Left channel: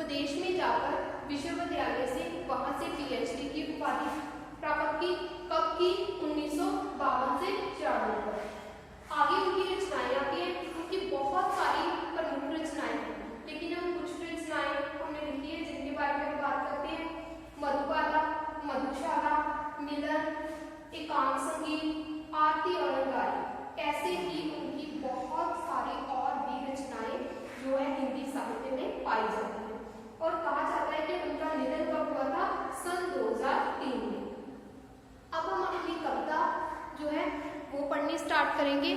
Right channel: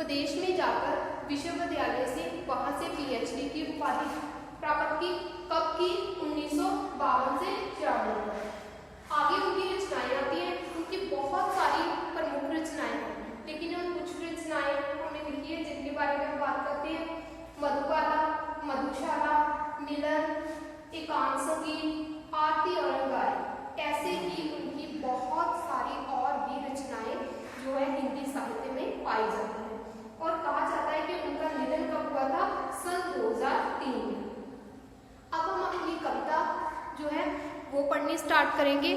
विदेश में जाकर विश्वविद्यालय से वहां से पीएचडी की उपाधि प्राप्त की। कब की? 1952 से 54 पर। आगे उनकी रचनाएं आती है। उनकी बहुत सारी प्रमुख रचनाएं हैं, लेकिन हम कुछ रचनाएं हमने लिखी है जिनके बारे में बात करते हैं। मधुबाला, मधुशाला, मिलन, एकांत संगीत, आरती अलंकारी, ऐसे ही उनकी बहुत सारी और भी रचनाएं जो है हिंदी साहित्य में पाई जाती है। और कहा जाता है कि उनका निधन कब हुआ था? सन 2003 में। अब हम अपनी कविता जो है वो पढ़नी स्टार्ट करेंगे।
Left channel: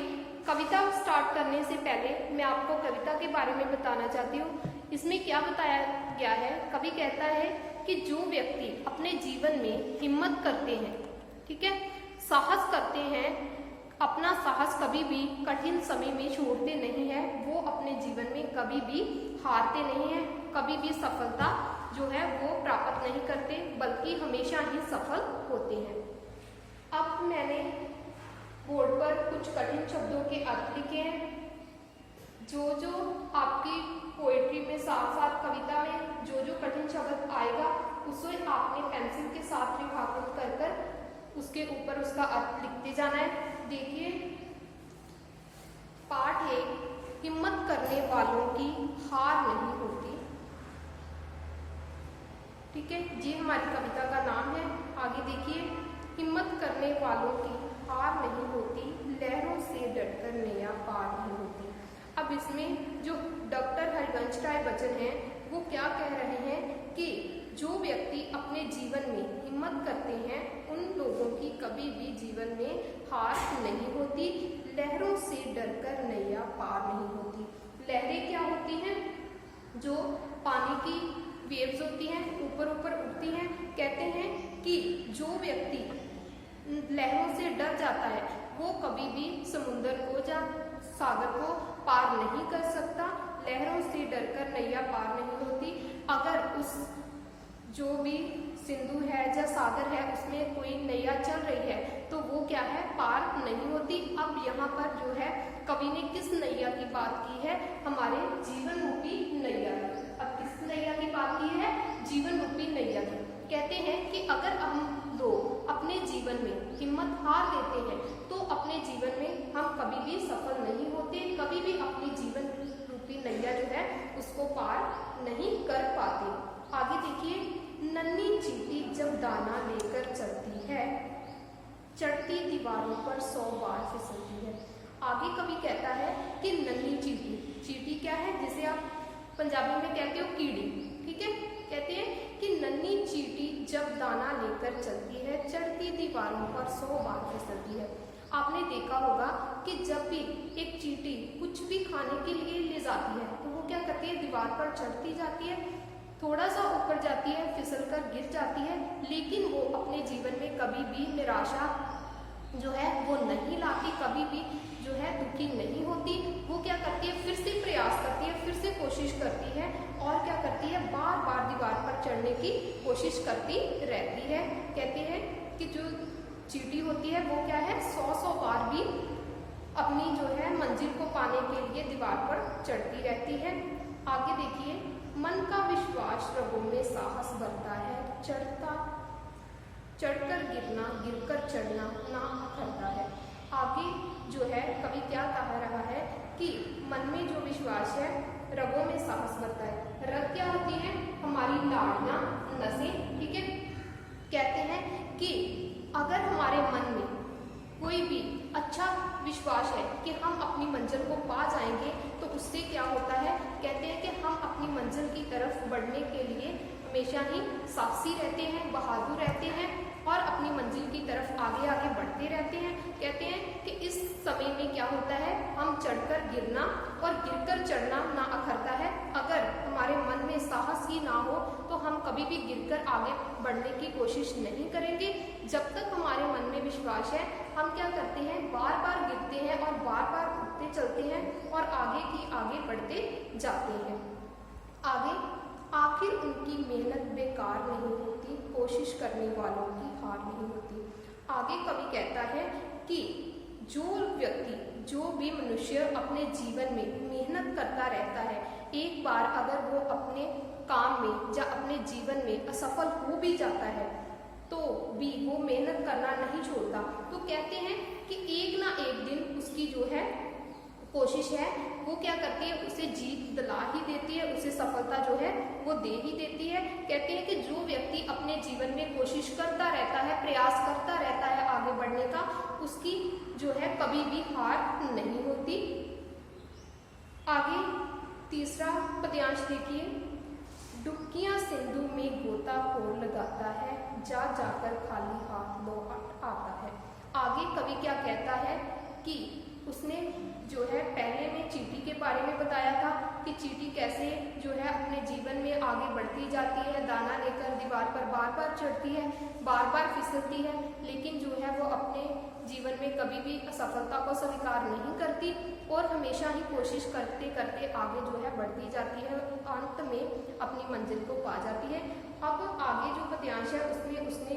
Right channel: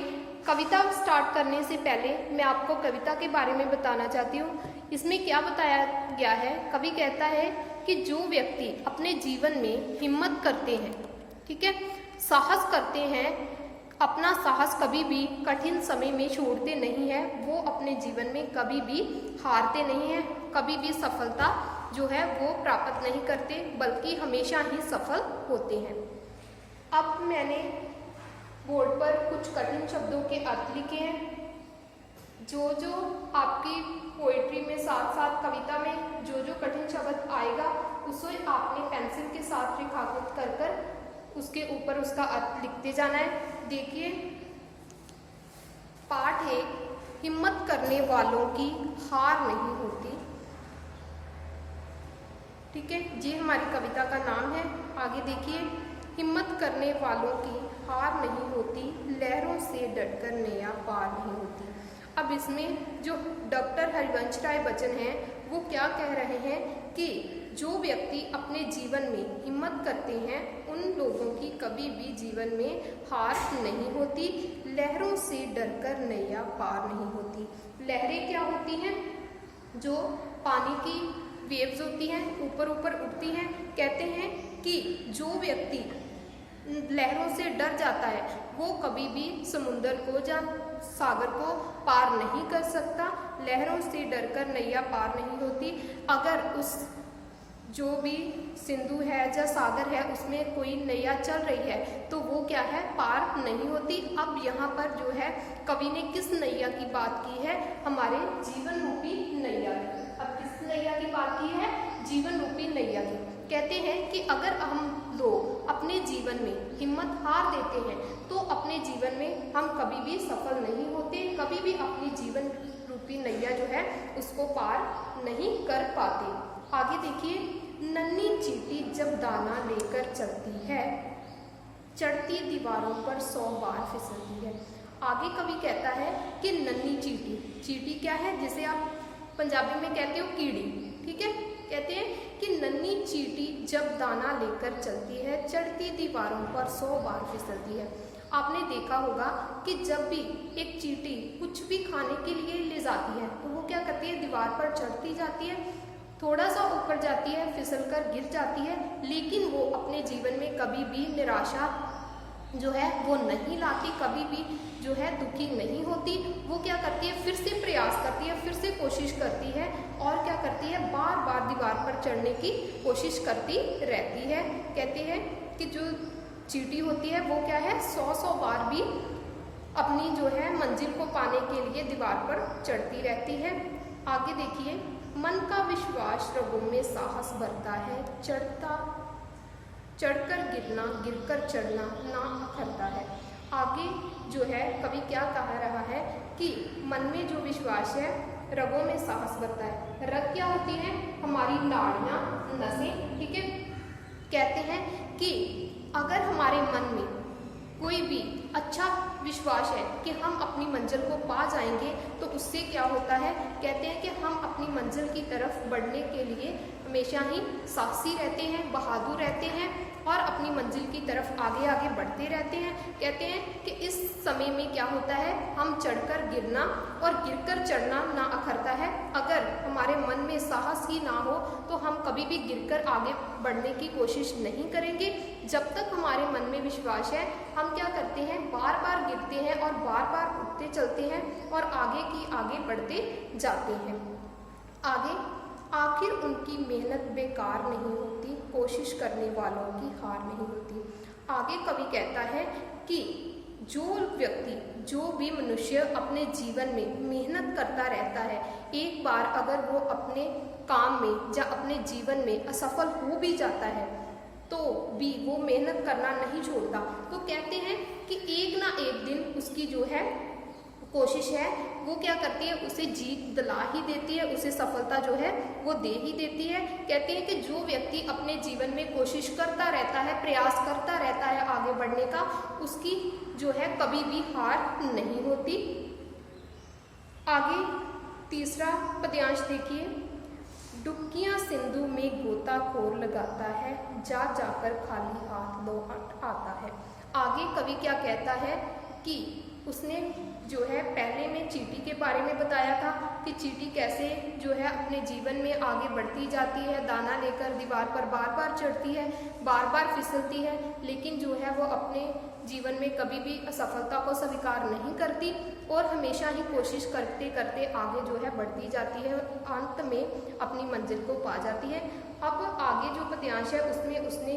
कविता स्टार्ट करने से पहले मैं आपको कविता के बारे में बताना चाहती हूँ। इसमें क्या बताया गया है? कवि कहता है कि जो व्यक्ति अपने जीवन में हिम्मत करते हैं, ठीक है, साहस करते हैं, अपना साहस कभी भी कठिन समय में छोड़ते नहीं है, वो अपने जीवन में कभी भी हारते नहीं है, कभी भी सफलता जो है वो प्राप्त नहीं करते, बल्कि हमेशा ही सफल होते हैं। अब मैंने बोर्ड पर कुछ कठिन शब्दों के अर्थ लिखे हैं। जो जो आपकी पोएट्री में साथ साथ कविता में जो जो कठिन शब्द आएगा उसे आपने पेंसिल के साथ रेखांकित कर कर उसके ऊपर उसका अर्थ लिखते जाना है। देखिए, पाठ 1, हिम्मत करने वालों की हार नहीं होती। ठीक है, ये हमारी कविता का नाम है। आगे देखिए, हिम्मत करने वालों की हार नहीं होती, लहरों से डटकर नैया पार नहीं होती। अब इसमें जो डॉक्टर हरिवंश राय बच्चन हैं वो क्या कह रहे हैं कि जो व्यक्ति अपने जीवन में हिम्मत करते हैं उन लोगों की कभी भी जीवन में हार नहीं होती, लहरों से डरकर नैया पार नहीं होती। लहरें क्या होती हैं? जो पानी की वेव्स होती हैं, ऊपर ऊपर उठती हैं। कहते हैं कि जो व्यक्ति लहरों से डर जाता है वो कभी भी समुद्र को या सागर को पार नहीं कर सकता। लहरों से डरकर नैया पार नहीं होती। अगर उस जो भी सिंधु है या सागर है उसमें कोई नैया चल रही है तो वो क्या है? पार नहीं होती। अब यहाँ पर जो है कवि ने किस नैया की बात की है? हमारे जीवन रूपी नैया की। अब किस नैया की बात की है? जीवन रूपी नैया की। कहते हैं कि अगर हम लोग अपने जीवन में हिम्मत हार देते हैं तो अपने जीवन में हम कभी भी सफल नहीं होते, कभी भी अपनी जीवन रूपी नैया जो है उसको पार नहीं कर पाते। आगे देखिए, नन्ही चींटी जब दाना लेकर चलती है, चढ़ती दीवारों पर 100 बार फिसलती है। आगे कवि कहता है कि नन्ही चींटी, चींटी क्या है? जिसे आप पंजाबी में कहते हो कीड़ी, ठीक है। कहते हैं कि नन्ही चींटी जब दाना लेकर चलती है, चढ़ती दीवारों पर 100 बार फिसलती है। आपने देखा होगा कि जब भी एक चींटी कुछ भी खाने के लिए ले जाती है तो वो क्या करती है? दीवार पर चढ़ती जाती है, थोड़ा सा ऊपर जाती है, फिसलकर गिर जाती है, लेकिन वो अपने जीवन में कभी भी निराशा जो है वो नहीं लाती, कभी भी जो है दुखी नहीं होती। वो क्या करती है? फिर से प्रयास करती है, फिर से कोशिश करती है और क्या करती है? बार बार दीवार पर चढ़ने की कोशिश करती रहती है। कहते हैं कि जो चींटी होती है वो क्या है? 100 बार भी अपनी जो है मंजिल को पाने के लिए दीवार पर चढ़ती रहती है। आगे देखिए, मन का विश्वास रगों में साहस भरता है, चढ़कर गिरना, गिरकर चढ़ना ना अखरता है। आगे जो है कवि क्या कह रहा है कि मन में जो विश्वास है रगों में साहस भरता है। रग क्या होती है? हमारी नाड़ियां, नसें, ठीक है। कहते हैं कि अगर हमारे मन में कोई भी अच्छा विश्वास है कि हम अपनी मंजिल को पा जाएंगे तो उससे क्या होता है? कहते हैं कि हम अपनी मंजिल की तरफ बढ़ने के लिए हमेशा ही साहसी रहते हैं, बहादुर रहते हैं और अपनी मंजिल की तरफ आगे आगे बढ़ते रहते हैं। कहते हैं कि इस समय में क्या होता है? हम चढ़कर गिरना और गिरकर चढ़ना ना अखरता है। अगर हमारे मन में साहस ही ना हो तो हम कभी भी गिरकर आगे बढ़ने की कोशिश नहीं करेंगे। जब तक हमारे मन में विश्वास है हम क्या करते हैं? बार बार गिरते हैं और बार बार उठते चलते हैं और आगे की आगे बढ़ते जाते हैं। आगे, आखिर उनकी मेहनत बेकार नहीं होती, कोशिश करने वालों की हार नहीं होती। आगे कवि कहता है कि जो व्यक्ति, जो भी मनुष्य अपने जीवन में मेहनत करता रहता है, एक बार अगर वो अपने काम में या अपने जीवन में असफल हो भी जाता है तो भी वो मेहनत करना नहीं छोड़ता। तो कहते हैं कि एक ना एक दिन उसकी जो है कोशिश है वो क्या करती है, उसे जीत दिला ही देती है, उसे सफलता जो है वो दे ही देती है। कहते हैं कि जो व्यक्ति अपने जीवन में कोशिश करता रहता है, प्रयास करता रहता है आगे बढ़ने का, उसकी जो है कभी भी हार नहीं होती। आगे तीसरा पद्यांश देखिए, डुबकियां सिंधु में गोताखोर लगाता है, जा जाकर खाली हाथ लौट आता है। आगे कवि क्या कहता है कि उसने जो है पहले में चींटी के बारे में बताया था कि चींटी कैसे जो है अपने जीवन में आगे बढ़ती जाती है, दाना लेकर दीवार पर बार बार चढ़ती है, बार बार फिसलती है, लेकिन जो है वो अपने जीवन में कभी भी असफलता को स्वीकार नहीं करती और हमेशा ही कोशिश करते करते आगे जो है बढ़ती जाती है, अंत में अपनी मंजिल को पा जाती है। अब आगे जो पद्यांश है उसमें उसने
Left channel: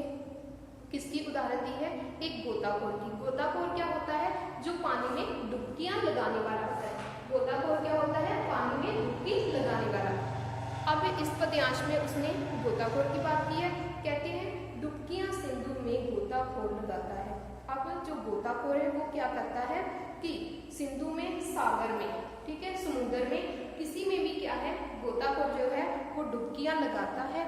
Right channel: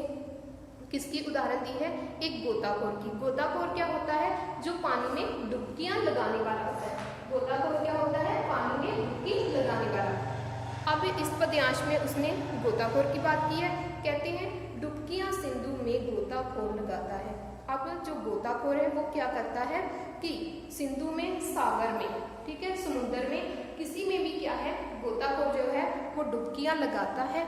किसकी उदाहरण दी है, एक गोताखोर की। गोताखोर क्या होता है, जो पानी में डुबकियां लगाने वाला होता है। गोताखोर क्या होता है, पानी में डुबकी लगाने वाला। अब इस पद्यांश में उसने गोताखोर की बात की है। कहते हैं डुबकियां सिंधु में गोताखोर लगाता है। अब जो गोताखोर है वो क्या करता है कि सिंधु में, सागर में, ठीक है, समुद्र में, किसी में भी क्या है, गोताखोर जो है वो डुबकियां लगाता है।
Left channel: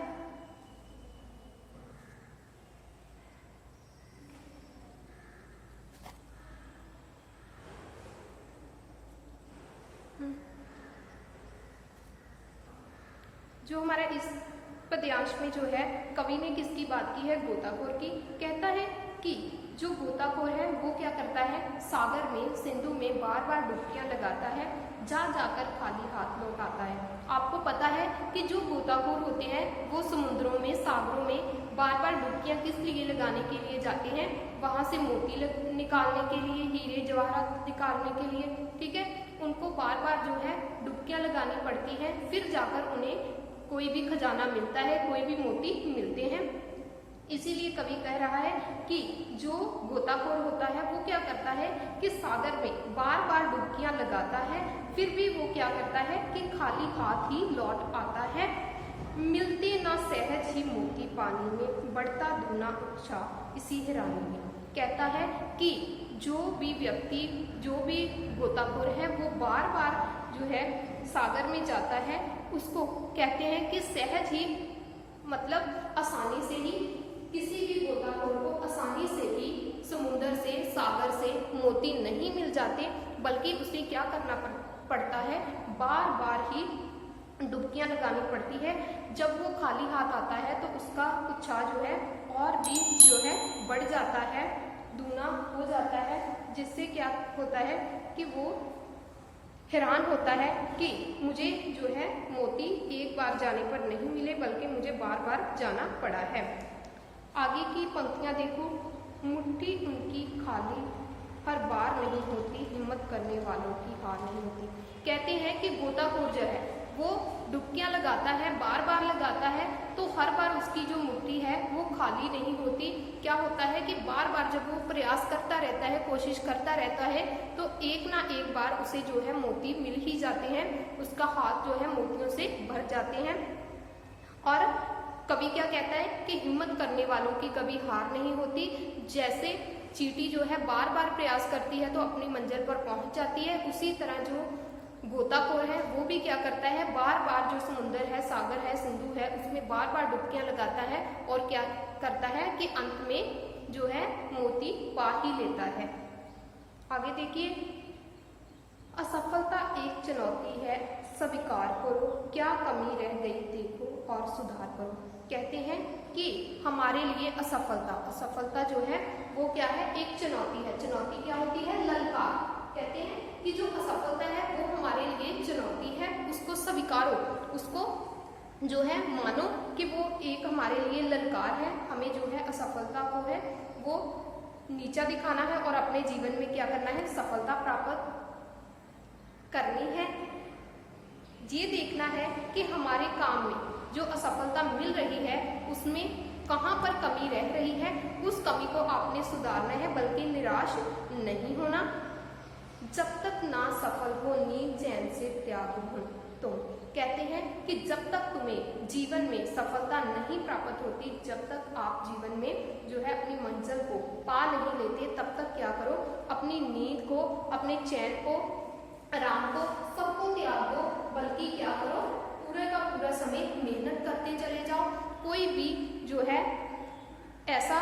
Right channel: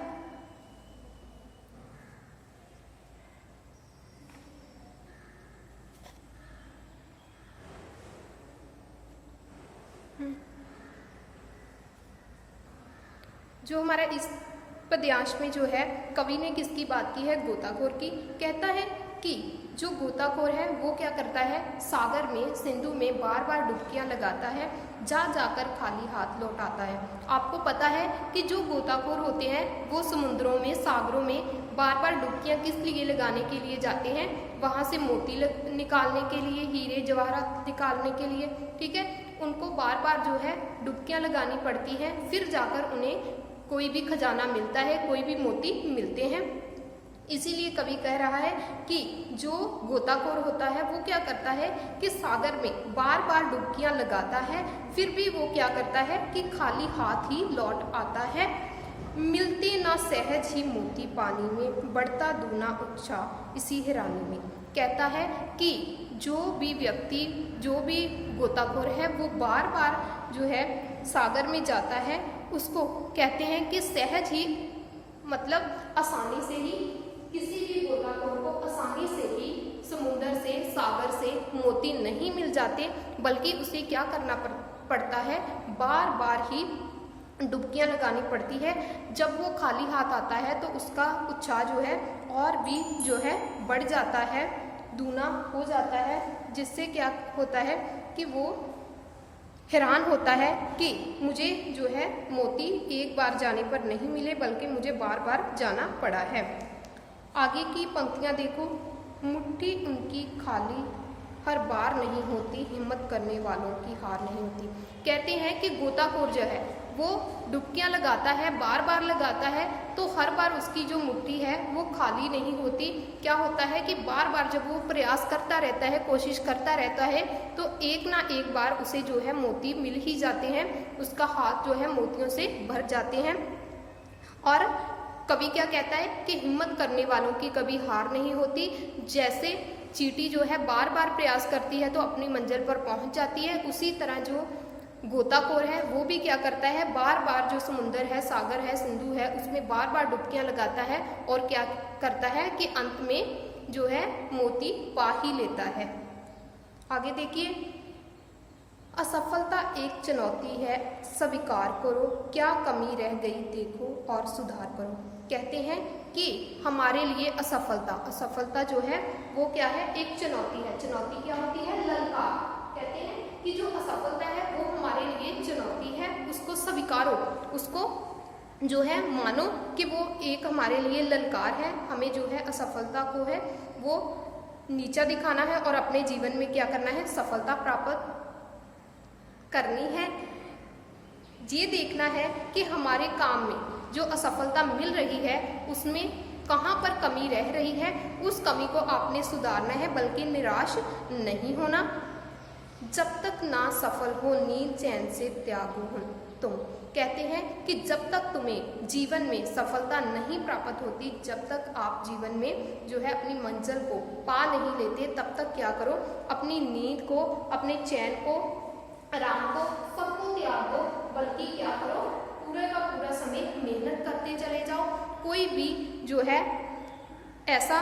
जो हमारा इस पद्यांश में जो है कवि ने किसकी बात की है, गोताखोर की। कहता है कि जो गोताखोर है वो क्या करता है, सागर में, सिंधु में बार बार डुबकियां लगाता है, जा जाकर खाली हाथ लौट आता है। आपको पता है कि जो गोताखोर होते हैं वो समुद्रों में, सागरों में बार बार डुबकियां किस लिए लगाने के लिए जाते हैं, वहां से मोती निकालने के लिए, हीरे जवाहरात निकालने के लिए, ठीक है। उनको बार बार जो है डुबकियां लगानी पड़ती है, फिर जाकर उन्हें कोई भी खजाना मिलता है, कोई भी मोती मिलते हैं। इसीलिए कवि कह रहा है कि जो गोताखोर होता है वो क्या करता है कि सागर में बार बार डुबकियां लगाता है, फिर भी वो क्या करता है कि खाली हाथ ही लौट आता है। मिलते ना सहज ही मोती पानी में, बढ़ता दूना उत्साह इसी हैरानी में। कहता है कि जो भी व्यक्ति, जो भी गोताखोर है वो बार बार जो है सागर में जाता है, उसको कहते हैं कि सहज ही, मतलब आसानी से ही, किसी भी गोताखोर को आसानी से ही समुद्र से, सागर से मोती नहीं मिल जाते, बल्कि उसे क्या करना पड़ता है, बार बार ही डुबकियां लगानी पड़ती है। जब वो खाली हाथ आता है तो उसका उत्साह जो है और भी जो है बढ़ जाता है, दूना हो जाता है, जिससे क्या होता है कि वो हैरान होता है कि मुझे जो है मोती एक बार जाने पर नहीं मिले, बल्कि मुझे बार बार जाना पड़ा है। आगे की पंक्तियां देखो, मुट्ठी उनकी खाली हर बार नहीं होती, हिम्मत करने वालों की हार नहीं होती। कहते हैं कि गोताखोर जो है वो डुबकियां लगाता है, बार बार लगाता है, तो हर बार उसकी जो मुट्ठी है वो खाली नहीं होती। क्या होता है कि बार बार जब वो प्रयास करता रहता है, कोशिश करता रहता है, तो एक ना एक बार उसे जो है मोती मिल ही जाते हैं, उसका हाथ जो है मोतियों से भर जाते हैं। और कवि क्या कहता है कि हिम्मत करने वालों की कभी हार नहीं होती। जैसे चींटी जो है बार बार प्रयास करती है तो अपनी मंजिल पर पहुंच जाती है, उसी तरह जो गोताखोर है वो भी क्या करता है, बार बार जो समुद्र है, सागर है, सिंधु है, उसमें बार बार डुबकियां लगाता है और क्या करता है कि अंत में जो है मोती पा ही लेता है। आगे देखिए, असफलता एक चुनौती है, स्वीकार करो, क्या कमी रह गई देखो और सुधार करो। कहते हैं कि हमारे लिए असफलता जो है वो क्या है, एक चुनौती है। चुनौती क्या होती है, ललकार। कहते हैं कि जो असफलता है वो हमारे लिए चुनौती है, उसको स्वीकारो, उसको जो है मानो कि वो एक हमारे लिए ललकार है। हमें जो है असफलता को है वो नीचा दिखाना है और अपने जीवन में क्या करना है, सफलता प्राप्त करनी है। ये देखना है कि हमारे काम में जो असफलता मिल रही है उसमें कहाँ पर कमी रह रही है उस कमी को आपने सुधारना है, बल्कि निराश नहीं होना। जब तक ना सफल हो नींद चैन से त्याग हो तुम। कहते हैं कि जब तक तुम्हें जीवन में सफलता नहीं प्राप्त होती, जब तक आप जीवन में जो है अपनी मंजिल को पा नहीं लेते, तब तक क्या करो, अपनी नींद को, अपने चैन को, आराम को, सबको त्याग दो, बल्कि क्या करो, पूरे का पूरा समय मेहनत करते चले जाओ। कोई भी जो है ऐसा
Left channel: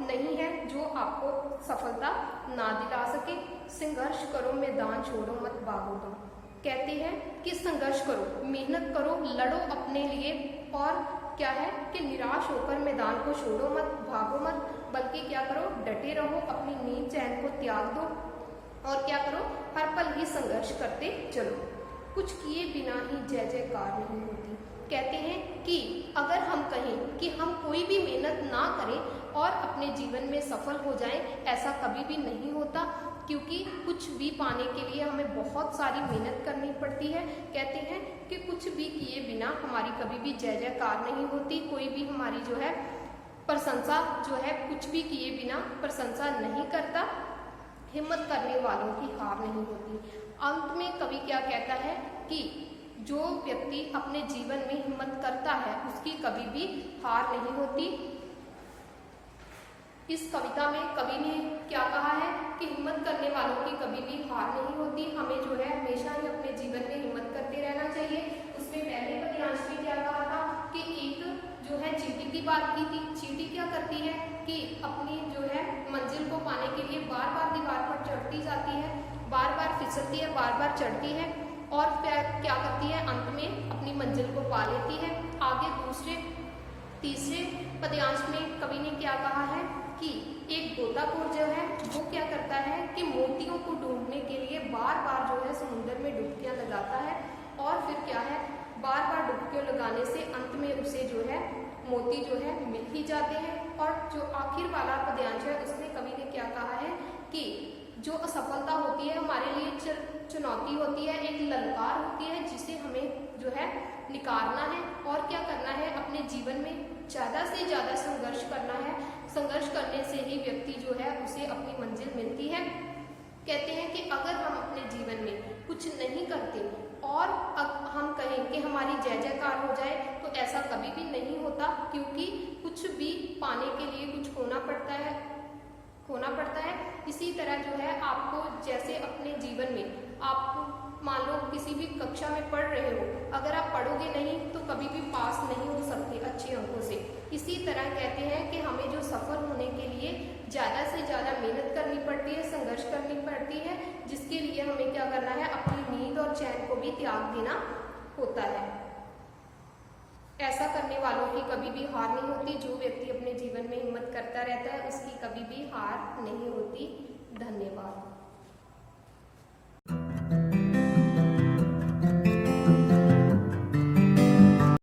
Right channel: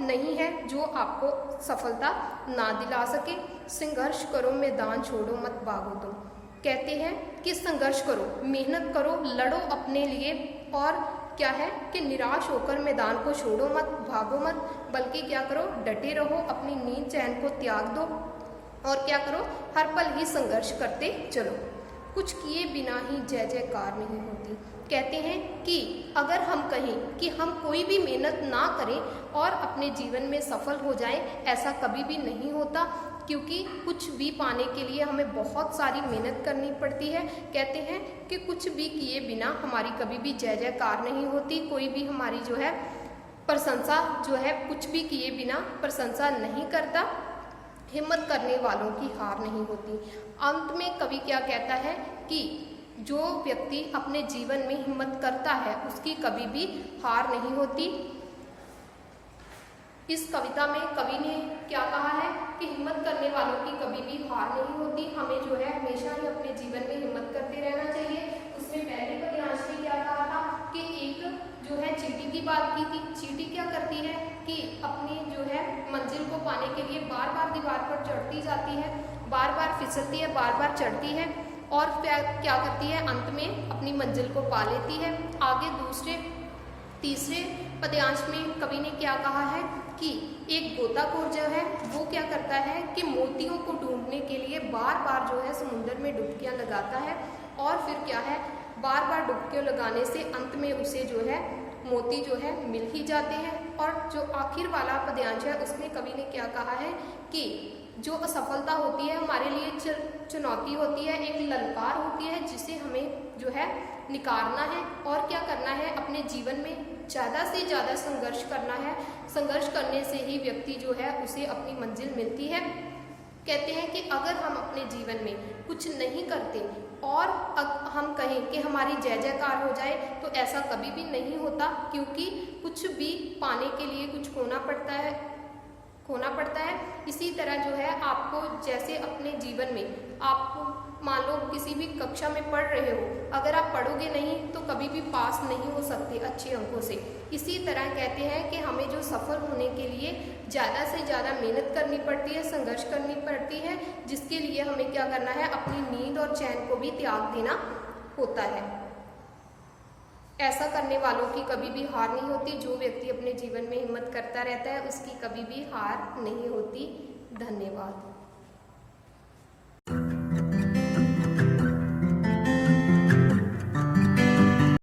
नहीं है जो आपको सफलता ना दिला सके। संघर्ष करो, मैदान छोड़ो मत भागो तुम। कहते हैं कि संघर्ष करो, मेहनत करो, लड़ो अपने लिए, और क्या है कि निराश होकर मैदान को छोड़ो मत, भागो मत, बल्कि क्या करो, डटे रहो, अपनी नींद चैन को त्याग दो, और क्या करो, हर पल ही संघर्ष करते चलो। कुछ किए बिना ही जय जयकार नहीं होती। कहते हैं कि अगर हम कहें कि हम कोई भी मेहनत ना करें और अपने जीवन में सफल हो जाएं, ऐसा कभी भी नहीं होता, क्योंकि कुछ भी पाने के लिए हमें बहुत सारी मेहनत करनी पड़ती है। कहते हैं कि कुछ भी किए बिना हमारी कभी भी जय जयकार नहीं होती, कोई भी हमारी जो है प्रशंसा जो है कुछ भी किए बिना प्रशंसा नहीं करता। हिम्मत करने वालों की हार नहीं होती। अंत में कवि क्या कहता है कि जो व्यक्ति अपने जीवन में हिम्मत करता है उसकी कभी भी हार नहीं होती। इस कविता में कवि ने क्या कहा है कि हिम्मत करने वालों की कभी भी हार नहीं होती। हमें जो है हमेशा ही अपने जीवन में हिम्मत करते रहना चाहिए। उसने पहले पद्यांश में क्या कहा था कि एक जो है चींटी की बात की थी। चींटी क्या करती है कि अपनी जो है मंजिल को पाने के लिए बार बार दीवार पर चढ़ती जाती है, बार बार फिसलती है, बार बार चढ़ती है, और क्या करती है, अंत में अपनी मंजिल को पा लेती है। आगे दूसरे तीसरे पद्यांश में कवि ने क्या कहा है कि एक गोताखोर जो है वो क्या करता है कि मोतियों को ढूंढने के लिए बार बार जो है समुद्र में डुबकियां लगाता है, और फिर क्या है, बार बार डुबकियां लगाने से अंत में उसे जो है मोती जो है मिल ही जाते हैं। और जो आखिर वाला पद्यांश है उसमें कवि ने क्या कहा है कि जो असफलता होती है हमारे लिए चुनौती होती है, एक ललकार होती है, जिसे हमें जो है निकारना है, और क्या करना है, अपने जीवन में ज़्यादा से ज़्यादा संघर्ष करना है। संघर्ष करने से ही व्यक्ति जो है उसे अपनी मंजिल मिलती है। कहते हैं कि अगर हम अपने जीवन में कुछ नहीं करते और हम कहें कि हमारी जय जयकार हो जाए, तो ऐसा कभी भी नहीं होता, क्योंकि कुछ भी पाने के लिए कुछ खोना पड़ता है। इसी तरह जो है आपको जैसे अपने जीवन में आप मान लो किसी भी कक्षा में पढ़ रहे हो, अगर आप पढ़ोगे नहीं तो कभी भी पास नहीं हो सकते अच्छे अंकों से। इसी तरह कहते हैं कि हमें जो सफल होने के लिए ज़्यादा से ज़्यादा मेहनत करनी पड़ती है, संघर्ष करनी पड़ती है, जिसके लिए हमें क्या करना है, अपनी नींद और चैन को भी त्याग देना होता है। ऐसा करने वालों की कभी भी हार नहीं होती। जो व्यक्ति अपने जीवन में हिम्मत करता रहता है उसकी कभी भी हार नहीं होती। धन्यवाद।